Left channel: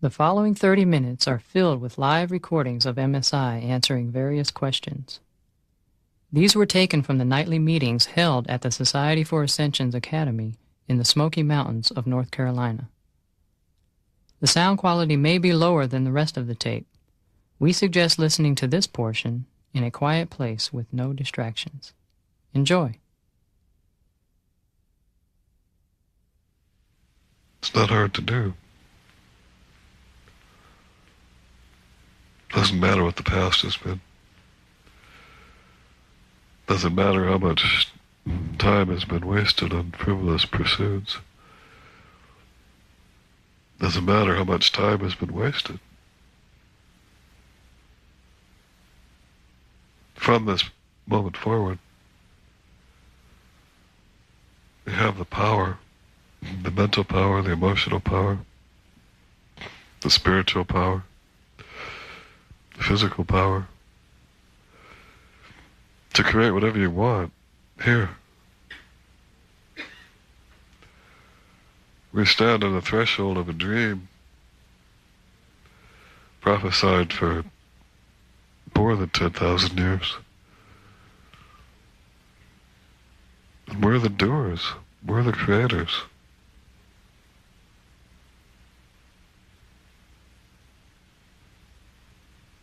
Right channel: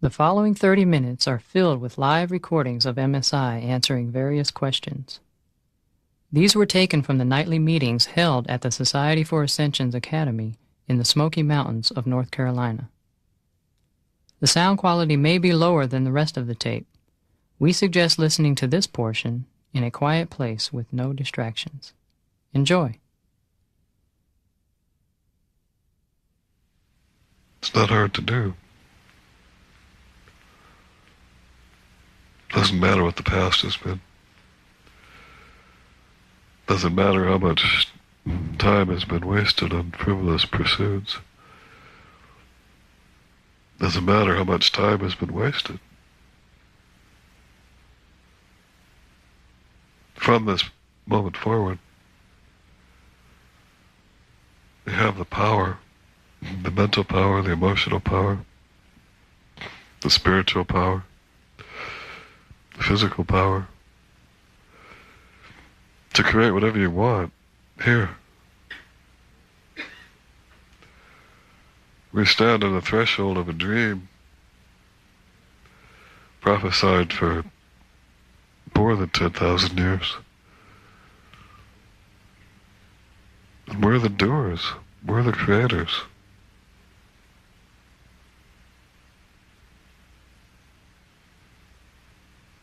The following 30 minutes are filled with live recordings of MSI answering various questions. These were taken from the nightly meetings held at the Society for Ascension's Academy in the Smoky Mountains of North Carolina. The sound quality may be lower than the rest of the tape. We suggest listening to this portion in a quiet place with no distractions. Enjoy. It's not hard to do. Doesn't matter what the past has been. Doesn't matter how much time has been wasted on frivolous pursuits. Doesn't matter how much time has been wasted. From this moment forward, you have the power, the mental power, the emotional power, the spiritual power, the physical power, to create whatever you want here. We stand on the threshold of a dream prophesied for more than 10,000 years. And we're the doers. We're the creators.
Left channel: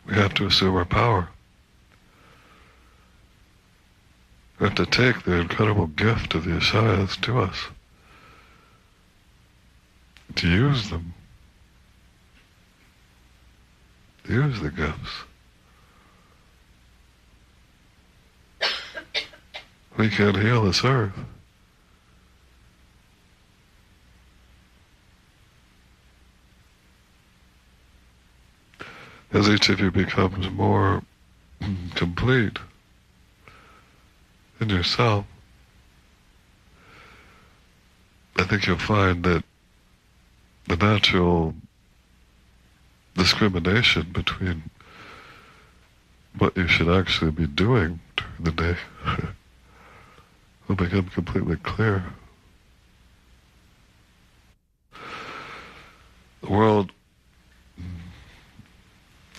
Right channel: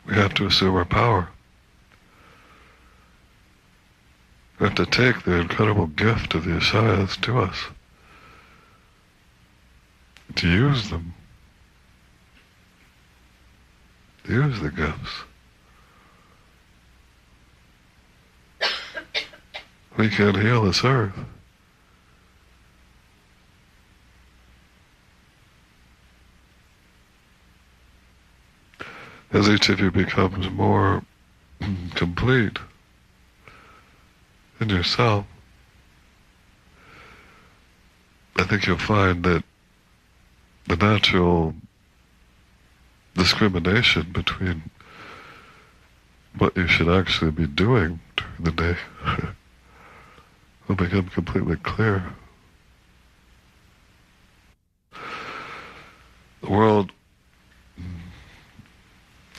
We have to assume our power. We have to take the incredible gift of the Ishayas to us, to use them, to use the gifts. We can't heal this earth. As each of you becomes more complete in yourself, I think you'll find that the natural discrimination between what you should actually be doing during the day will become completely clear. The world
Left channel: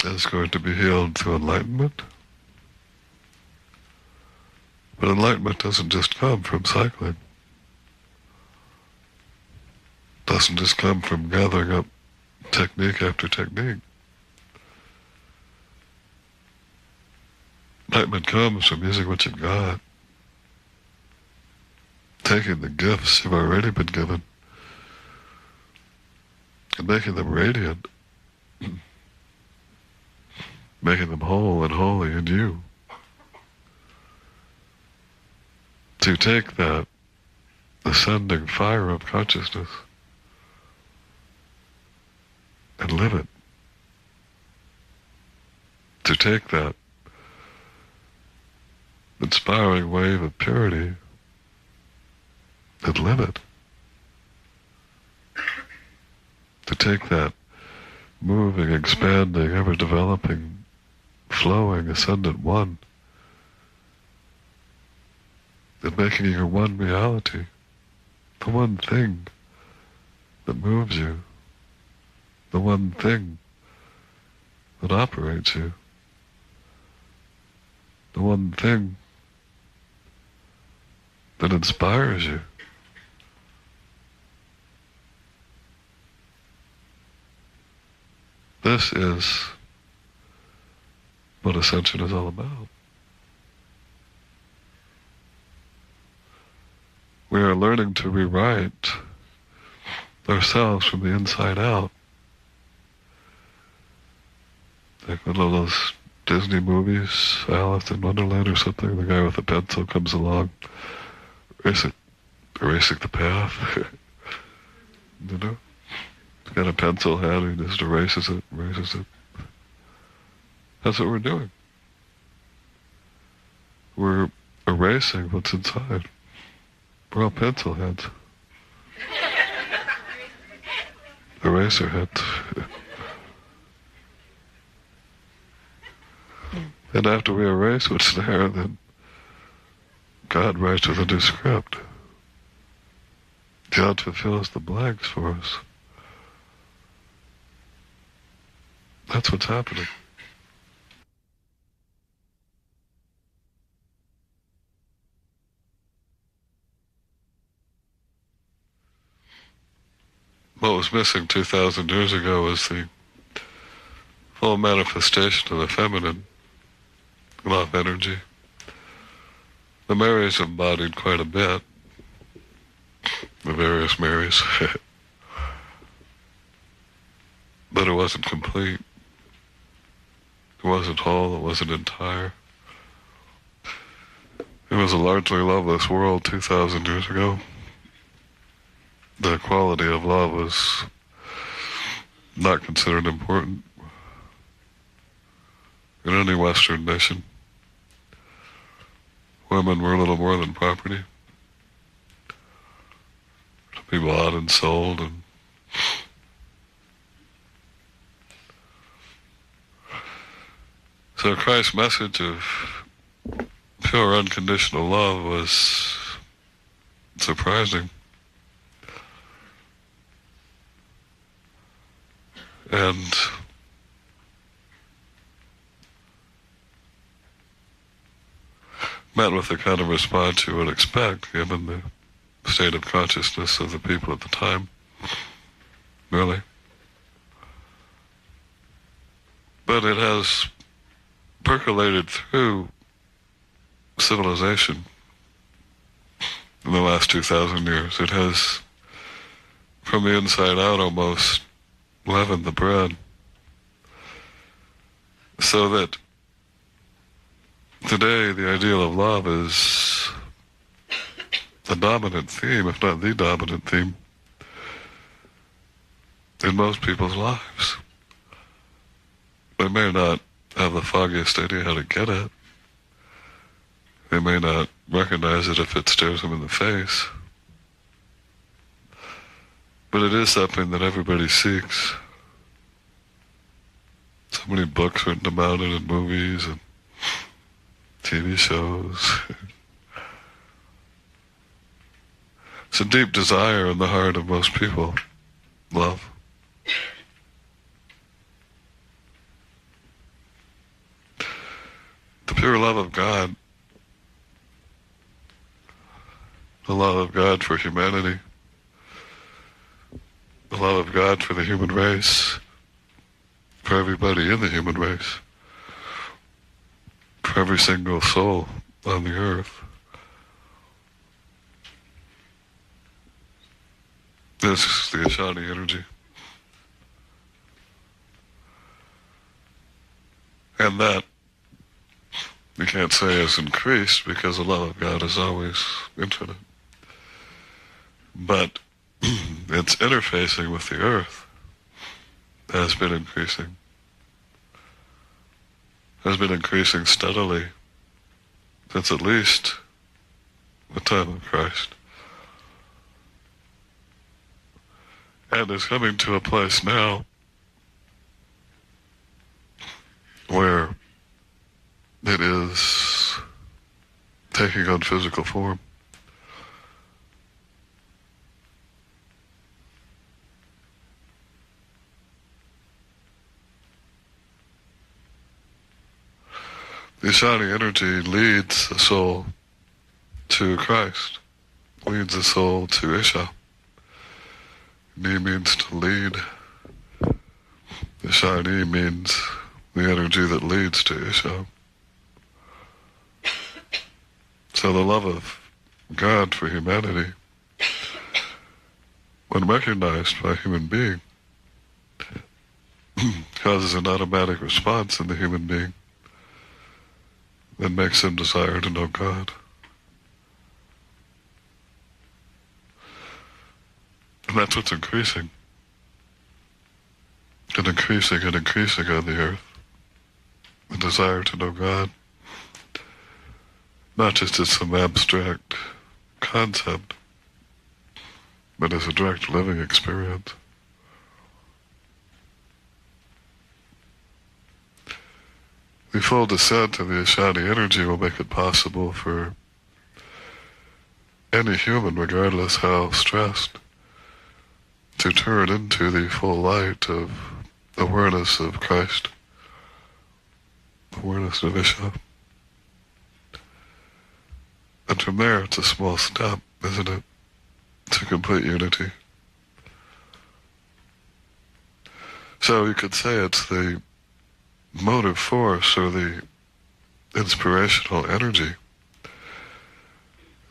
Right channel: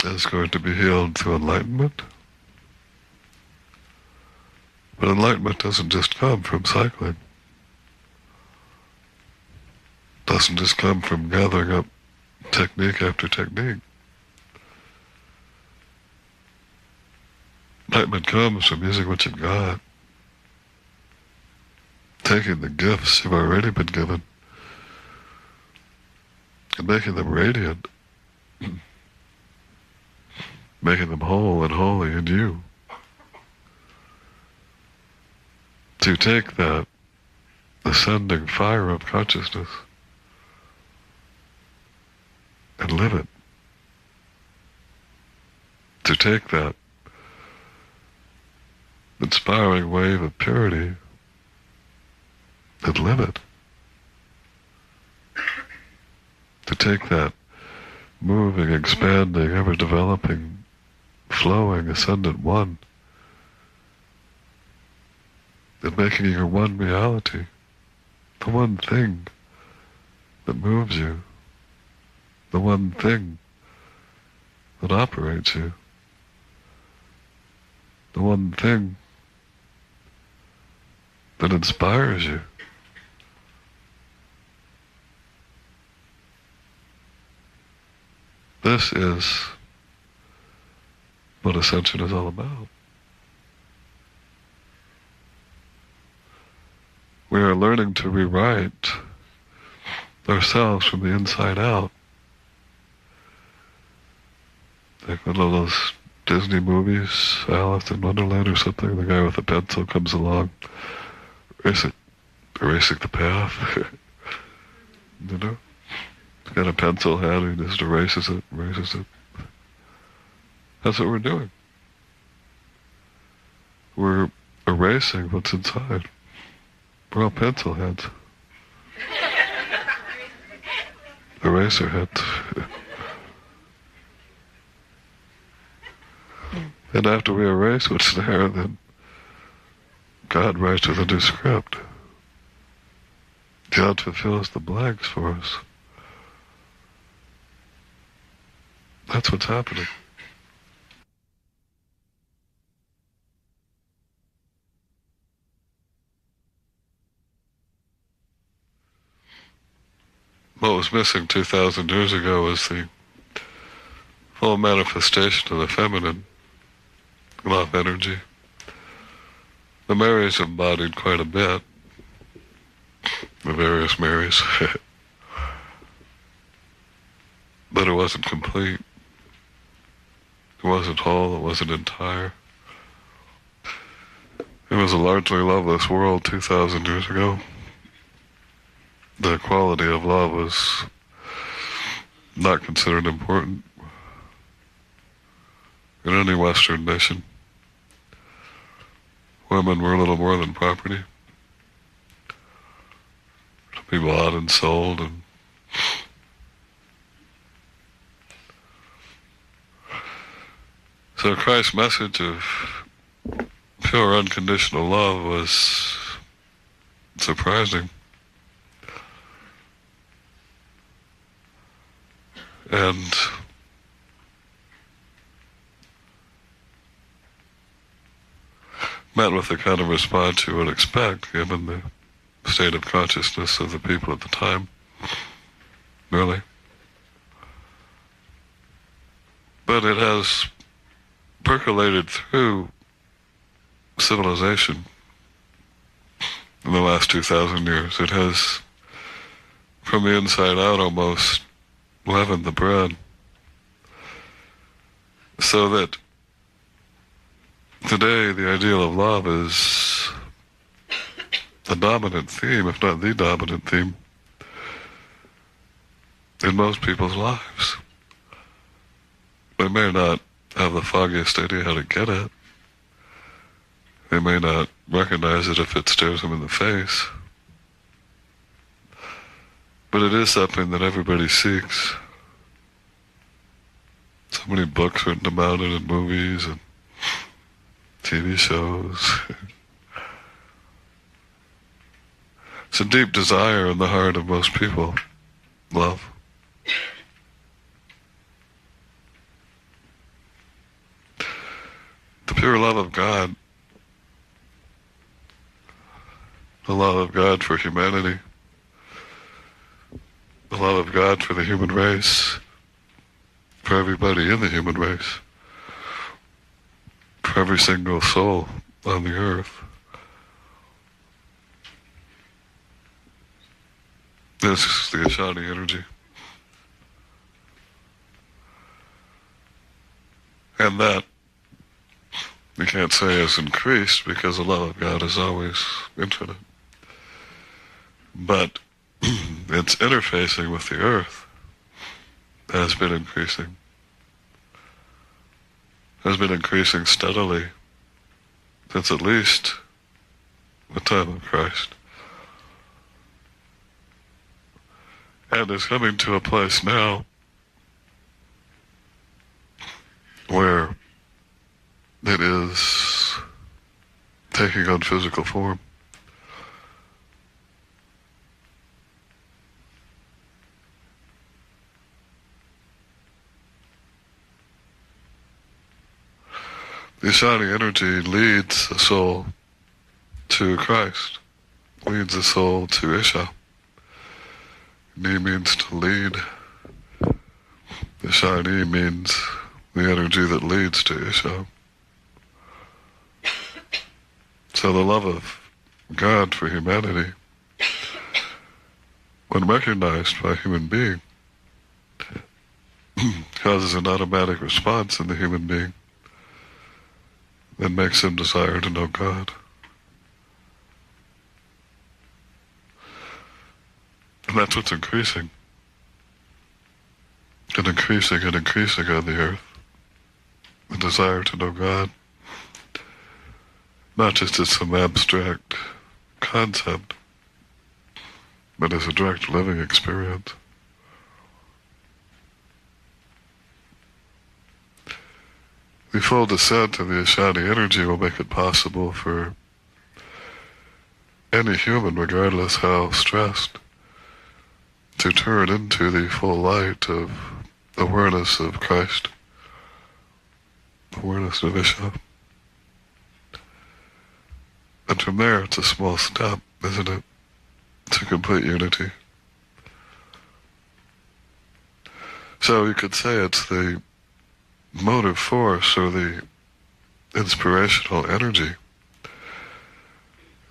is going to be healed through enlightenment. But enlightenment doesn't just come from cycling. It doesn't just come from gathering up technique after technique. Enlightenment comes from using what you've got, taking the gifts you've already been given, and making them radiant, making them whole and holy in you. To take that ascending fire of consciousness and live it. To take that inspiring wave of purity and live it. To take that moving, expanding, ever-developing, flowing, ascendant one, and making your one reality, the one thing that moves you, the one thing that operates you, the one thing that inspires you. This is what Ascension is all about. We are learning to rewrite ourselves from the inside out. Like one of those Disney movies, Alice in Wonderland or something, the guy with a pencil comes along, erasing the path. You know? He's got a pencil hand, he just erases it. That's what we're doing. We're erasing what's inside. We're all pencil heads. Eraser heads. And after we erase what's there, then God writes with a new script. God fulfills the blanks for us. That's what's happening. What was missing 2,000 years ago was the full manifestation of the feminine love energy. The Marys embodied quite a bit, the various Marys, but it wasn't complete. It wasn't whole, it wasn't entire. It was a largely loveless world 2,000 years ago. The quality of love was not considered important in any Western nation. Women were little more than property to be bought and sold, and so Christ's message of pure unconditional love was surprising. And met with the kind of response you would expect, given the state of consciousness of the people at the time, really. But it has percolated through civilization in the last 2,000 years. It has, from the inside out, almost leavened the bread, so that today the ideal of love is the dominant theme, if not the dominant theme, in most people's lives. They may not have the foggiest idea how to get it. They may not recognize it if it stares them in the face. But it is something that everybody seeks. So many books written about it, and movies, and TV shows. It's a deep desire in the heart of most people. Love. The pure love of God. The love of God for humanity. The love of God for the human race, for everybody in the human race, for every single soul on the earth. This is the Ishaya energy. And that, you can't say has increased, because the love of God is always infinite. But its interfacing with the earth has been increasing steadily since at least the time of Christ, and is coming to a place now where it is taking on physical form. The Ishaya energy leads the soul to Christ, leads the soul to Isha. Ni means to lead. Ishaya means the energy that leads to Isha. So the love of God for humanity, when recognized by a human being, causes an automatic response in the human being that makes him desire to know God. And that's what's increasing. And increasing and increasing on the earth. The desire to know God. Not just as some abstract concept, but as a direct living experience. The full descent of the Ishaya energy will make it possible for any human, regardless how stressed, to turn into the full light of awareness of Christ, awareness of Ishaya. And from there, it's a small step, isn't it, to complete unity. So you could say it's the motive force or the inspirational energy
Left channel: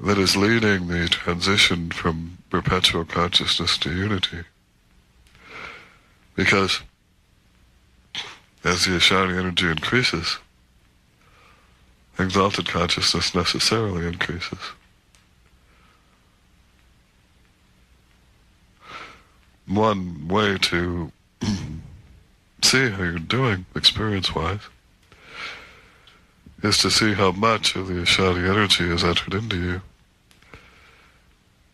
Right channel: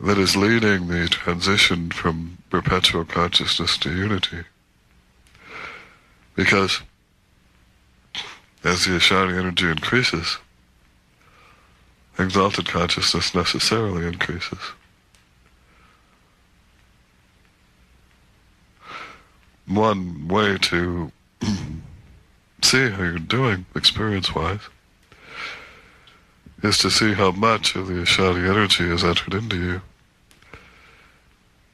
that is leading the transition from perpetual consciousness to unity. Because as the Ishaya energy increases, exalted consciousness necessarily increases. One way to see how you're doing, experience-wise, is to see how much of the Ishaya energy has entered into you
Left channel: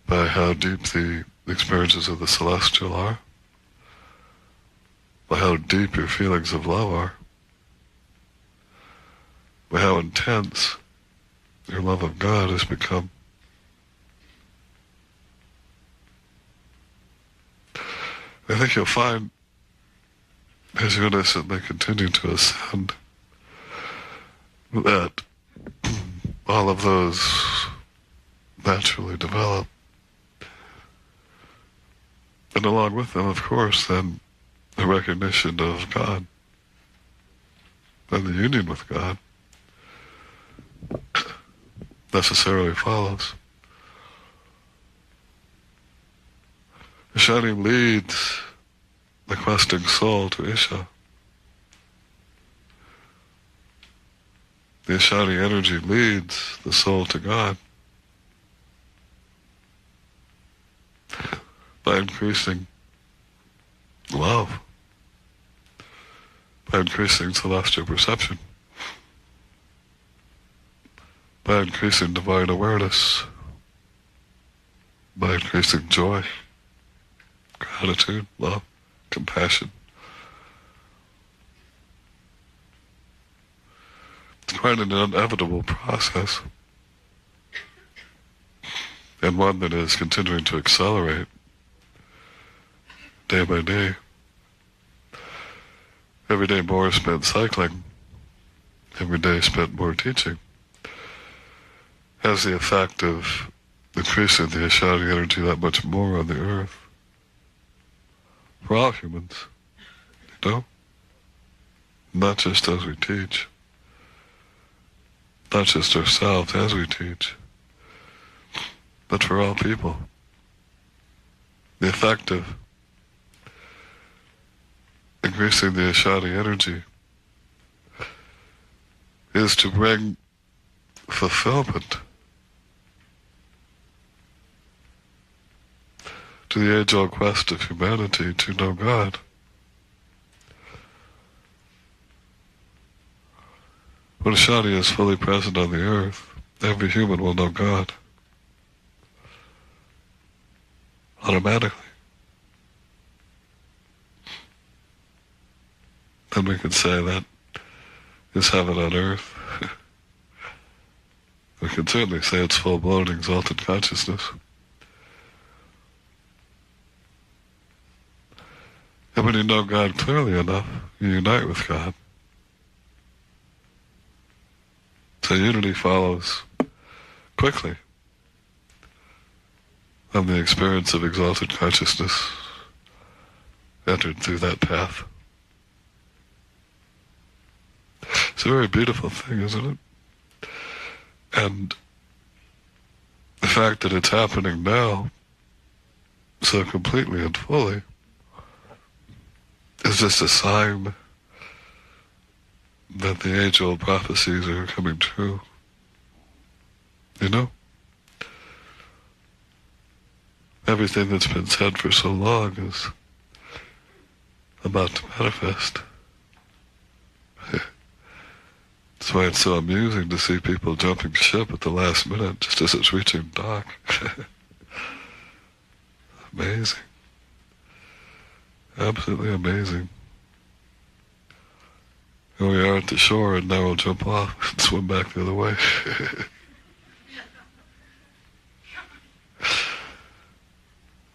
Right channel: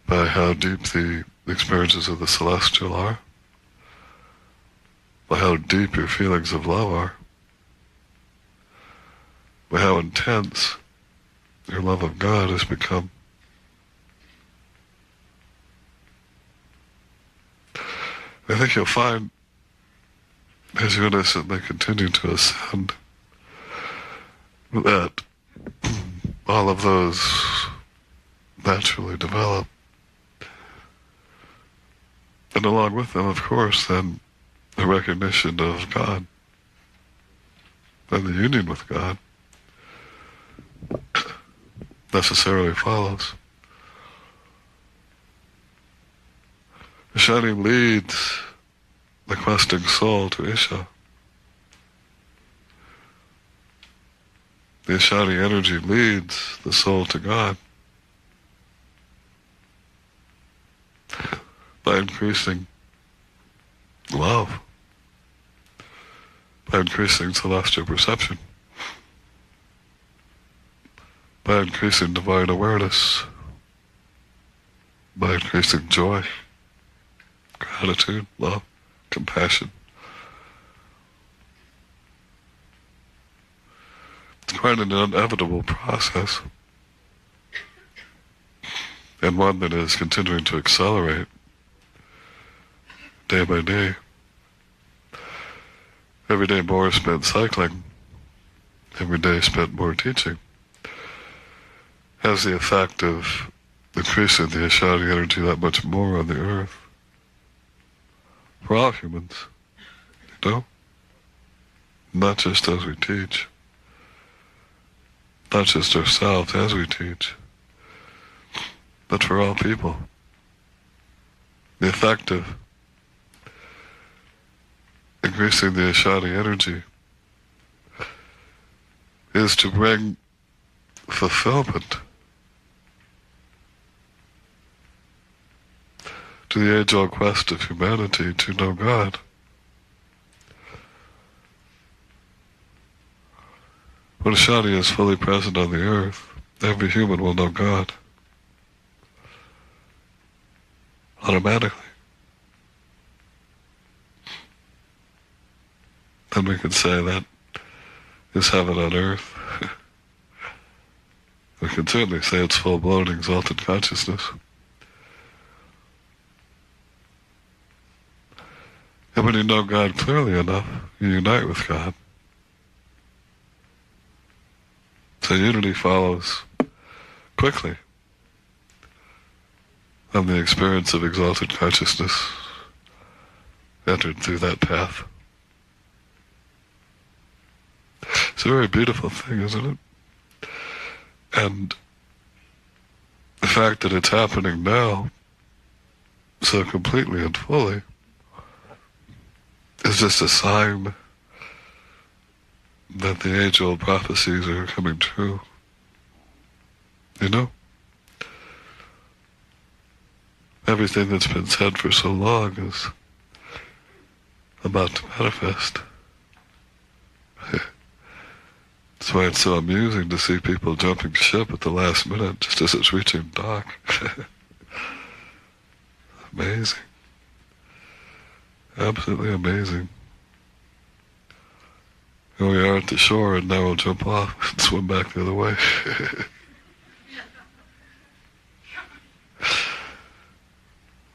by how deep the experiences of the celestial are, by how deep your feelings of love are, by how intense your love of God has become. I think you'll find, as you innocently continue to ascend, that all of those naturally develop. And along with them, of course, then the recognition of God and the union with God necessarily follows. Ishaya leads the questing soul to Ishaya. The Ishaya energy leads the soul to God by increasing love, by increasing celestial perception, by increasing divine awareness, by increasing joy, gratitude, love, compassion. It's quite an inevitable process, and one that is continuing to accelerate day by day. Every day more spent cycling, every day spent more teaching, has the effect of increasing the Ishaya energy that much more on the earth. For all humans, you know? Not just as we teach, not just ourselves as we teach, but for all people. The effect of increasing the Ishaya energy is to bring fulfillment to the age-old quest of humanity to know God. When Ishaya is fully present on the earth, every human will know God automatically. And we could say that is heaven on earth. We can certainly say it's full-blown exalted consciousness. And when you know God clearly enough, you unite with God. So unity follows quickly on the experience of exalted consciousness entered through that path. It's a very beautiful thing, isn't it? And the fact that it's happening now so completely and fully is just a sign that the age-old prophecies are coming true. You know? Everything that's been said for so long is about to manifest. That's why it's so amusing to see people jumping ship at the last minute, just as it's reaching dock. Amazing. Absolutely amazing. Here we are at the shore, and now we'll jump off and swim back the other way.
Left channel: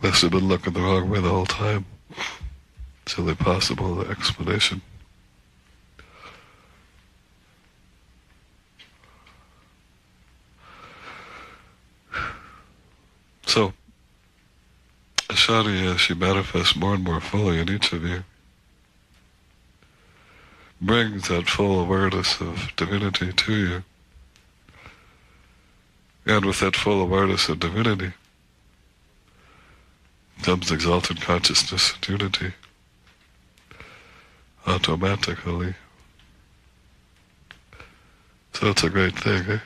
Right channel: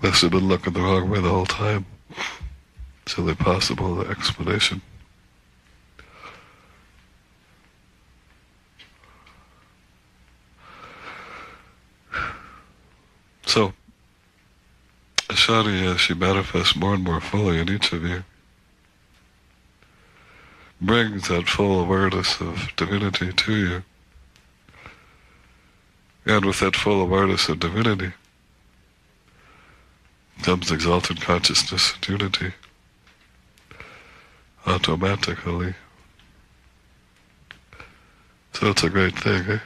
Must have been looking the wrong way the whole time. silly possible explanation. So, Ishaya, as she manifests more and more fully in each of you, brings that full awareness of divinity to you. And with that full awareness of divinity comes exalted consciousness and unity automatically. So it's a great thing, eh?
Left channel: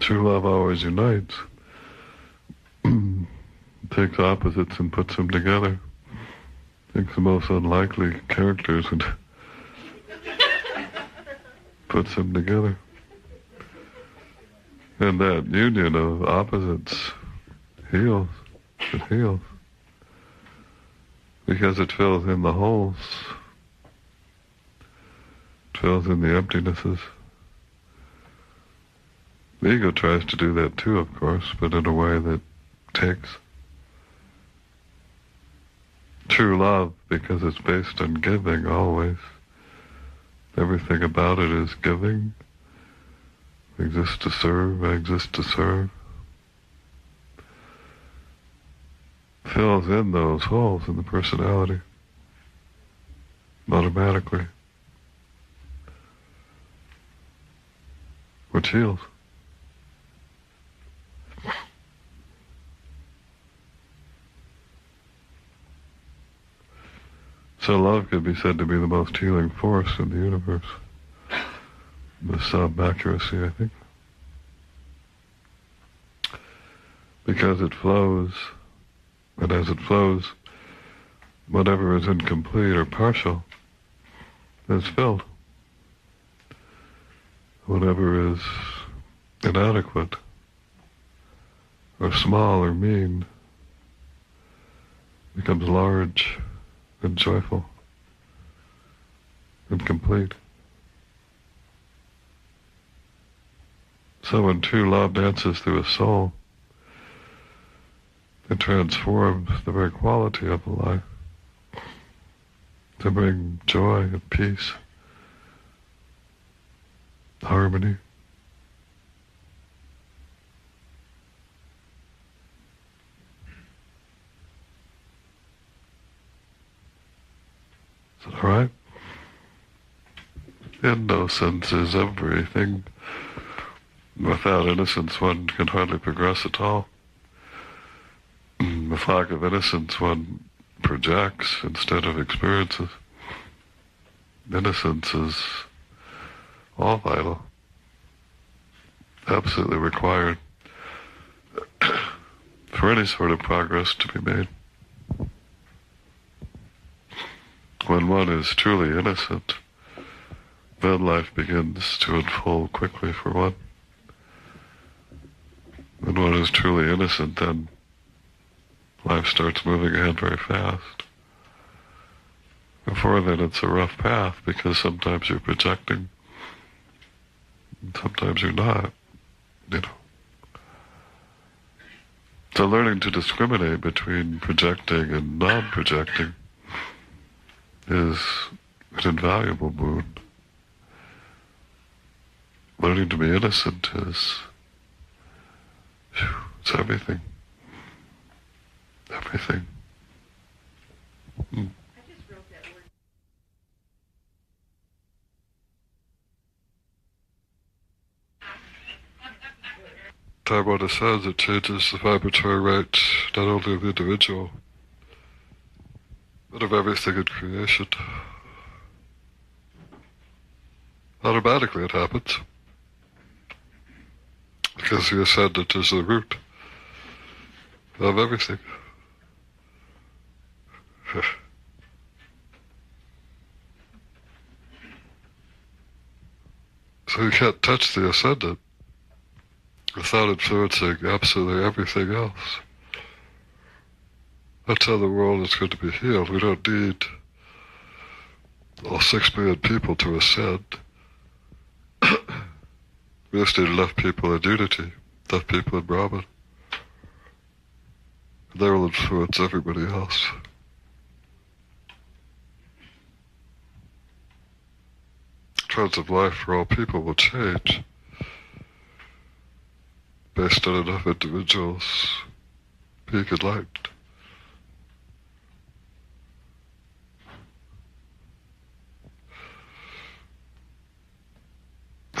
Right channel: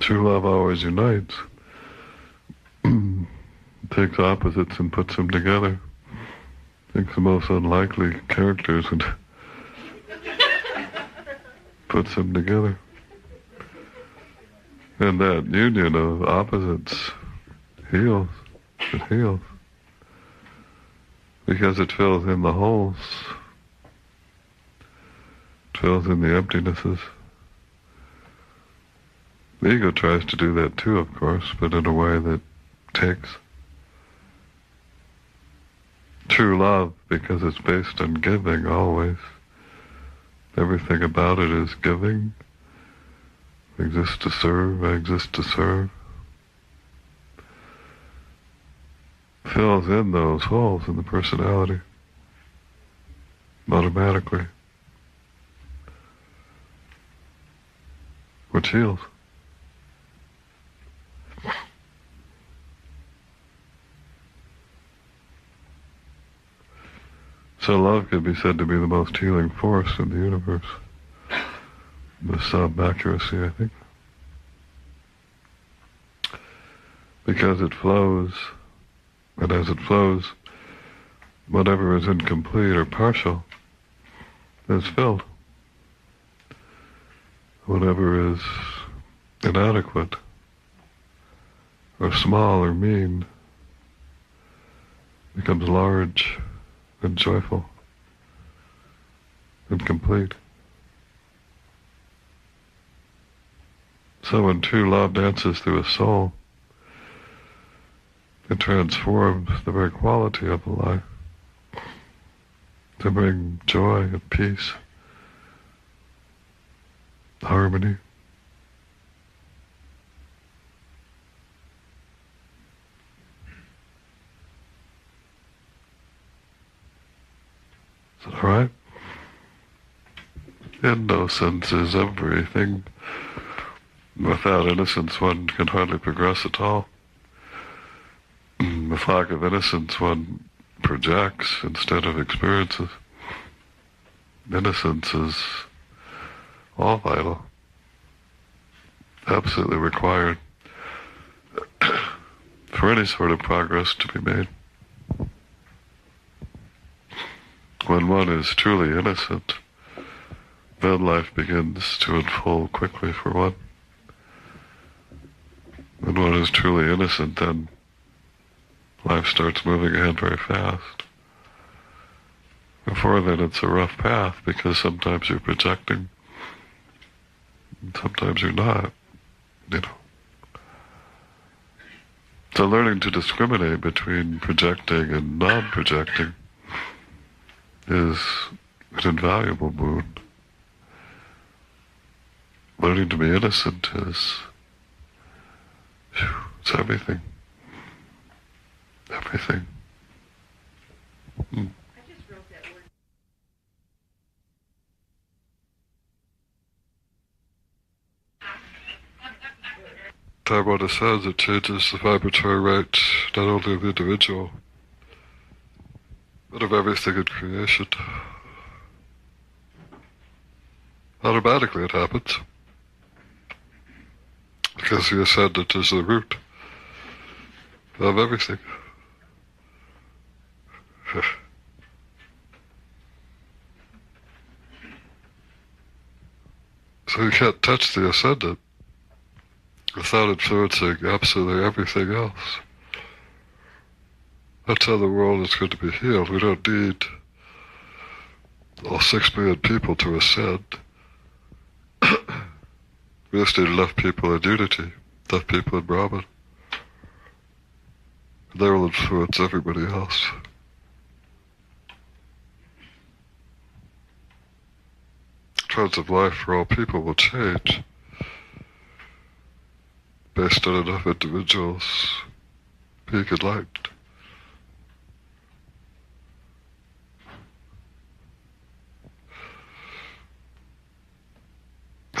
True love always unites. Takes opposites and puts them together. Takes the most unlikely characters and puts them together. And that union of opposites heals. It heals. Because it fills in the holes. Fills in the emptinesses. The ego tries to do that too, of course, but in a way that takes. True love, because it's based on giving always. Everything about it is giving. I exist to serve, I exist to serve. Fills in those holes in the personality automatically, which heals. So love could be said to be the most healing force in the universe. With some accuracy, I think. Because it flows, and as it flows, whatever is incomplete or partial is filled. Whatever is inadequate, or small or mean, becomes large and joyful and complete. So when true love dances through a soul, it transforms the very quality of the life to bring joy and peace, harmony. All right? Innocence is everything. Without innocence, one can hardly progress at all. With lack of innocence, one projects instead of experiences. Innocence is all vital, absolutely required for any sort of progress to be made. When one is truly innocent, then life begins to unfold quickly for one. When one is truly innocent, then life starts moving ahead very fast. Before then, it's a rough path because sometimes you're projecting, and sometimes you're not, you know. So learning to discriminate between projecting and non-projecting is an invaluable boon. Learning to be innocent is, it's everything. Everything. I just wrote that word. Taiwan says it changes the vibratory rate not only of the individual, but of everything in creation. Automatically it happens. Because the ascendant is the root of everything. So you can't touch the ascendant without influencing absolutely everything else. That's how the world is going to be healed. We don't need all 6 billion people to ascend. We just need enough people in unity, enough people in Brahman. And they will influence everybody else. The trends of life for all people will change based on enough individuals being enlightened.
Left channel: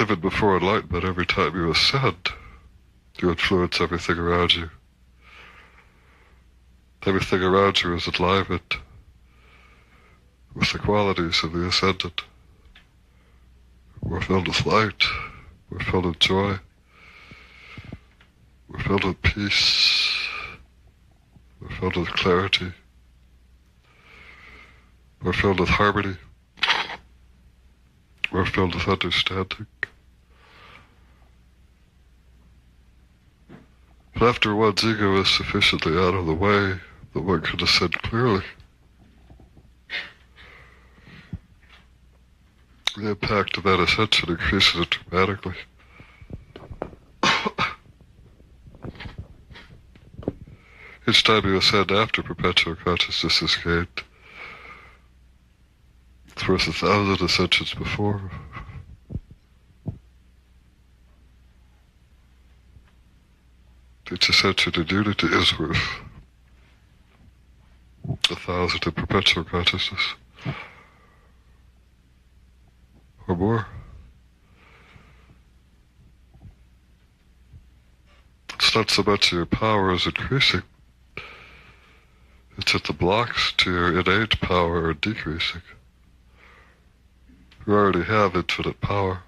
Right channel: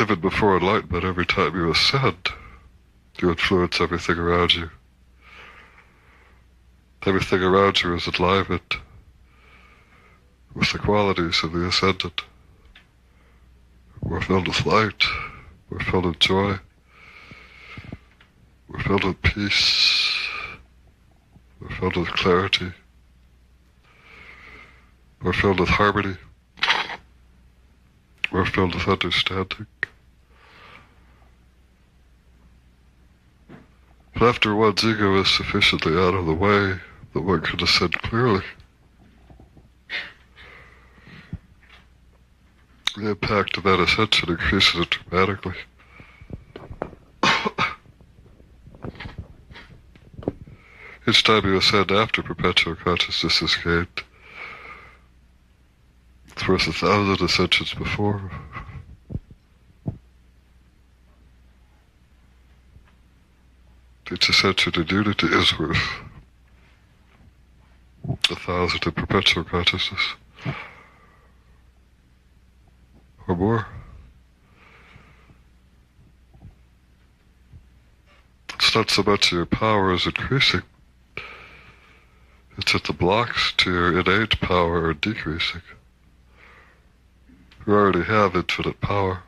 Even before enlightenment, every time you ascend, you influence everything around you. Everything around you is enlivened with the qualities of the ascendant. We're filled with light. We're filled with joy. We're filled with peace. We're filled with clarity. We're filled with harmony. We're filled with understanding. But after one's ego is sufficiently out of the way that one can ascend clearly, the impact of that ascension increases dramatically. Each time you ascend after perpetual consciousness is gained, it's worth 1,000 ascensions before. Each ascension in unity is worth 1,000 in perpetual consciousness. Or more. It's not so much your power is increasing, it's that the blocks to your innate power are decreasing. You already have infinite power.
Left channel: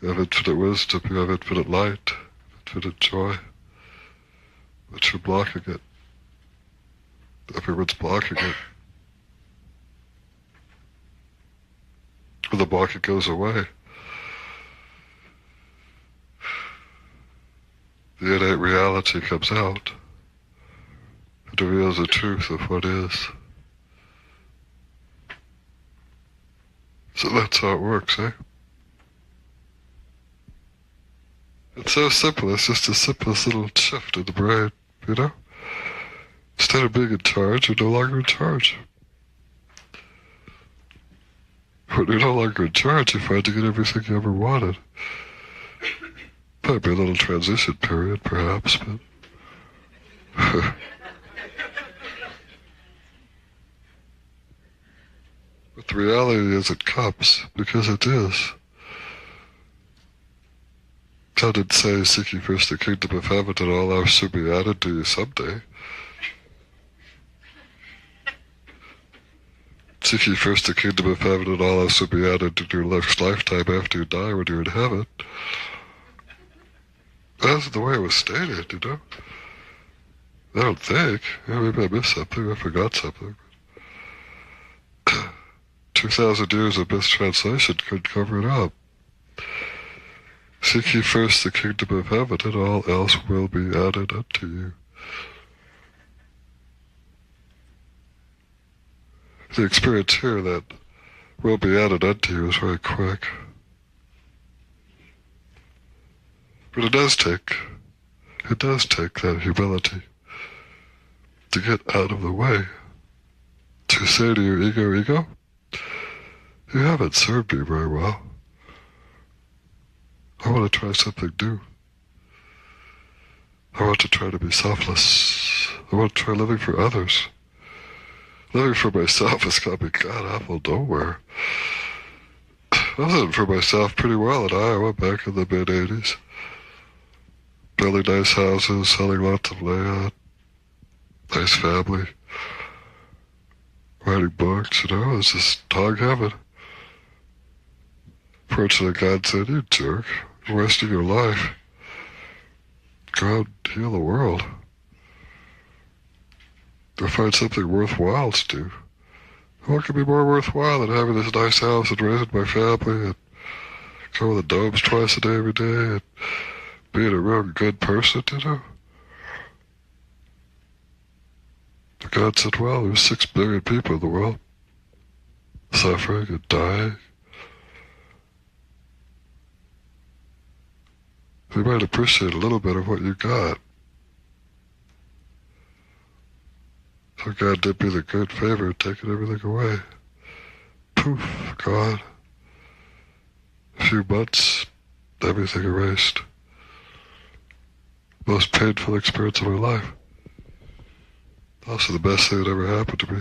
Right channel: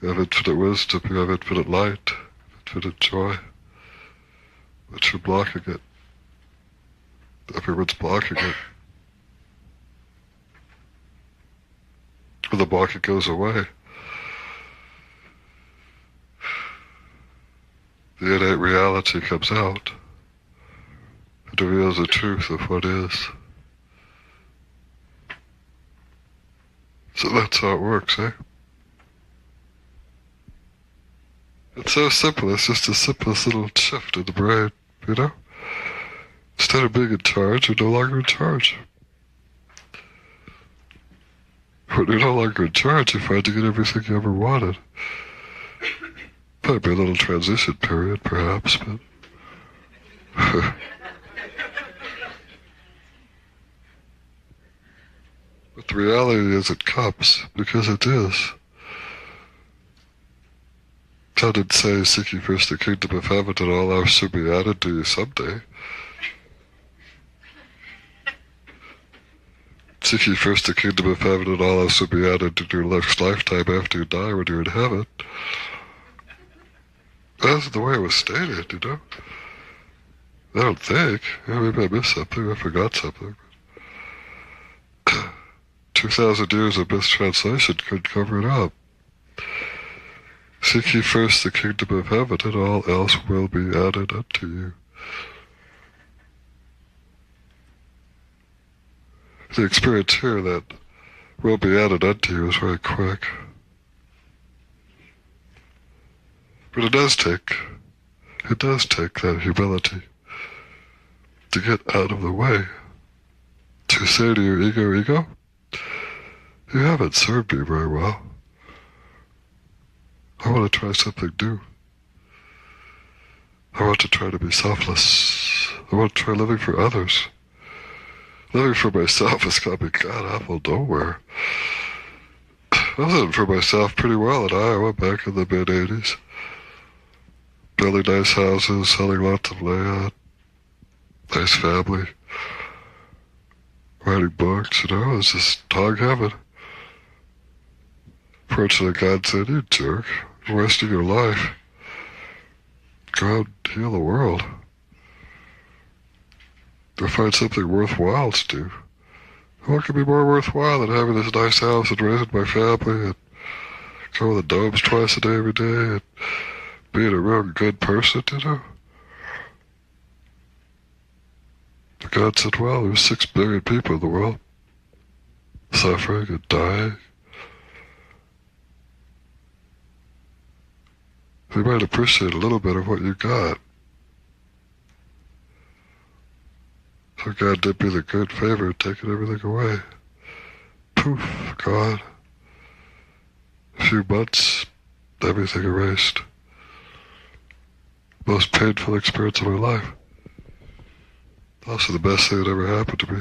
You have infinite wisdom, you have infinite light, infinite joy. But you're blocking it. Everyone's blocking it. When the blocking goes away, the innate reality comes out. It reveals the truth of what is. So that's how it works, eh? It's so simple, it's just the simplest little shift in the brain, you know? Instead of being in charge, you're no longer in charge. When you're no longer in charge, you find you get everything you ever wanted. Might be a little transition period, perhaps, but... But the reality is it comes, because it is. God did say, seek ye first the kingdom of heaven, and all else shall be added to you someday. Seek ye first the kingdom of heaven, and all else will be added to your next lifetime after you die when you're in heaven. That's the way it was stated, you know? I don't think. Maybe I missed something, I forgot something. 2,000 years of mistranslation could cover it up. Seek ye first the kingdom of heaven, and all else will be added unto you. The experience here that will be added unto you is very quick. But it does take that humility to get out of the way. To say to your ego, you haven't served me very well. I want to try something new. I want to try to be selfless. I want to try living for others. Living for myself has got me god-awful nowhere. I was living for myself pretty well in Iowa back in the mid-'80s. Building nice houses, selling lots of land, nice family, writing books, you know, it was just dog heaven. Fortunately, God said, you jerk, you're wasting your life. Go out and heal the world. Go find something worthwhile to do. What could be more worthwhile than having this nice house and raising my family and going to the domes twice a day every day and being a real good person, you know? But God said, well, there's 6 billion people in the world suffering and dying. you might appreciate a little bit of what you got. So God did me the great favor of taking everything away. Poof, gone. A few months, everything erased. Most painful experience of my life. Also the best thing that ever happened to me.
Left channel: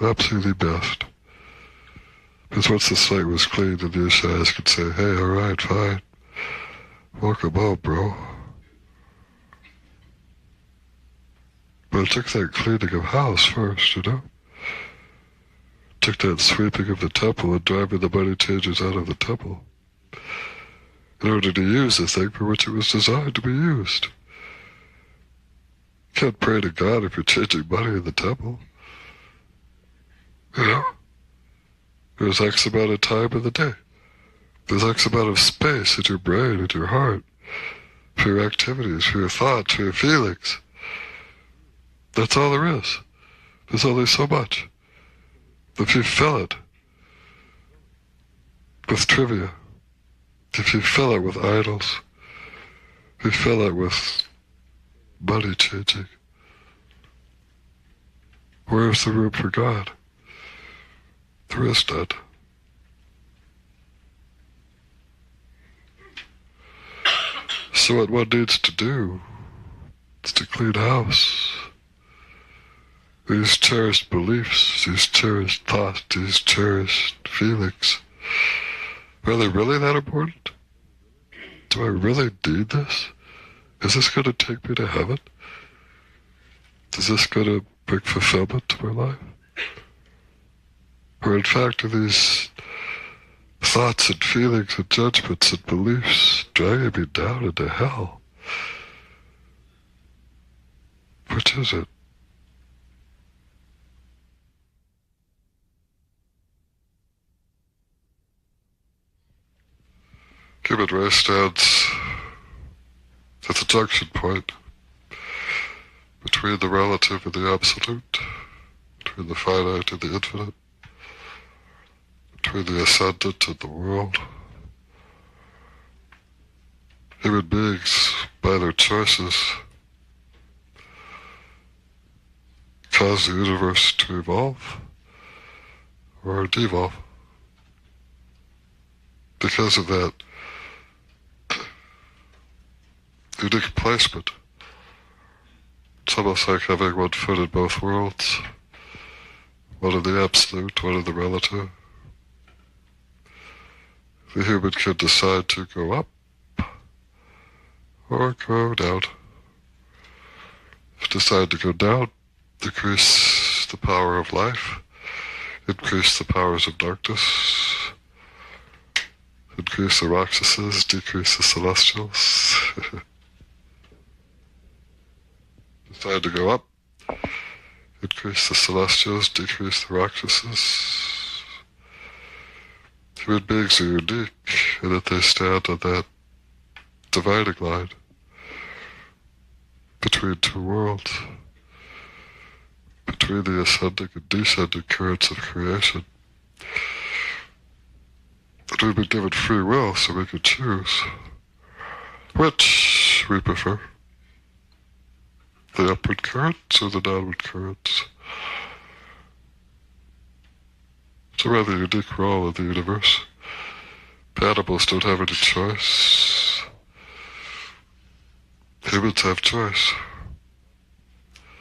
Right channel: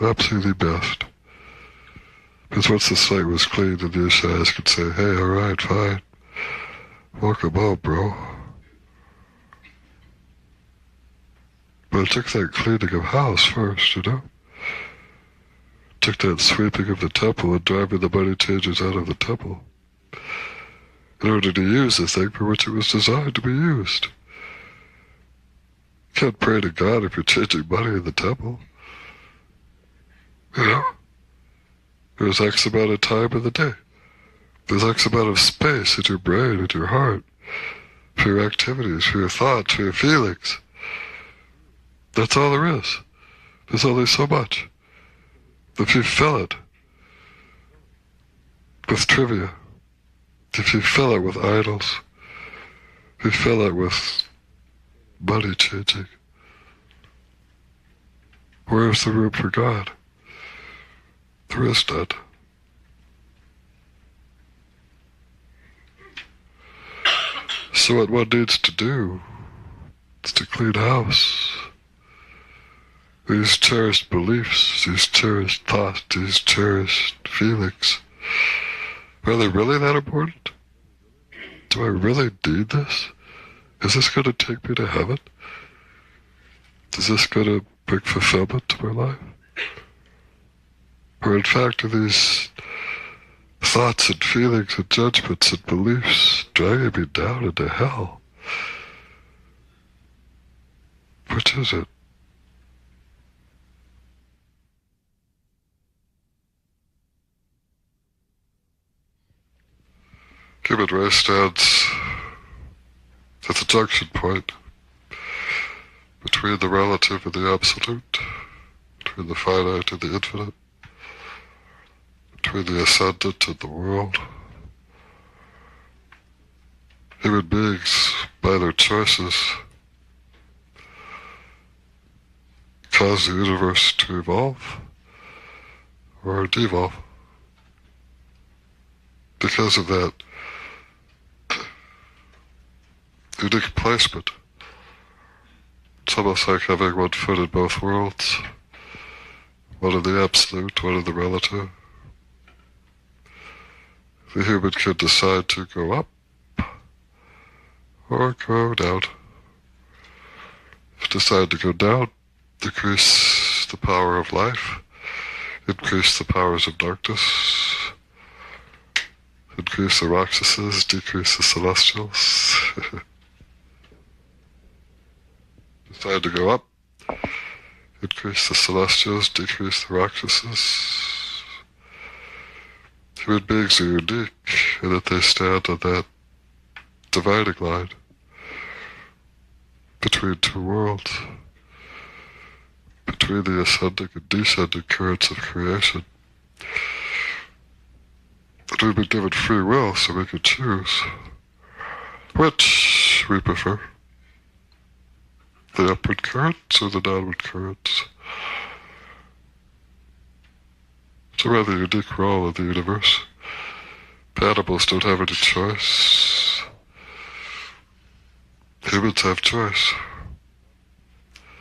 Absolutely best. Because once the slate was cleaned, the Ishayas could say, hey, alright, fine. Welcome home, bro. But it took that cleaning of house first, you know? It took that sweeping of the temple and driving the money changers out of the temple in order to use the thing for which it was designed to be used. You can't pray to God if you're changing money in the temple. You know? There's X amount of time in the day. There's X amount of space in your brain, in your heart, for your activities, for your thoughts, for your feelings. That's all there is. There's only so much. If you fill it with trivia, if you fill it with idols, if you fill it with money changing, where's the room for God? There is none. So what one needs to do is to clean house. These cherished beliefs, these cherished thoughts, these cherished feelings, are they really that important? Do I really need this? Is this going to take me to heaven? Is this going to bring fulfillment to my life? Or in fact, are these thoughts and feelings and judgments and beliefs dragging me down into hell? Which is it? Human race stands at the junction point between the relative and the absolute, between the finite and the infinite, between the ascendant and the world. Human beings, by their choices, cause the universe to evolve or devolve. Because of that unique placement. It's almost like having one foot in both worlds, one in the absolute, one in the relative. The human can decide to go up or go down. If you decide to go down, decrease the power of life, increase the powers of darkness, increase the Rakshasas, decrease the celestials. Decide to go up, increase the celestials, decrease the Rakshasas. Human beings are unique in that they stand on that dividing line between two worlds, between the ascending and descending currents of creation. But we've been given free will, so we can choose which we prefer. The upward currents or the downward currents. It's a rather unique role in the universe. Animals don't have any choice. Humans have choice.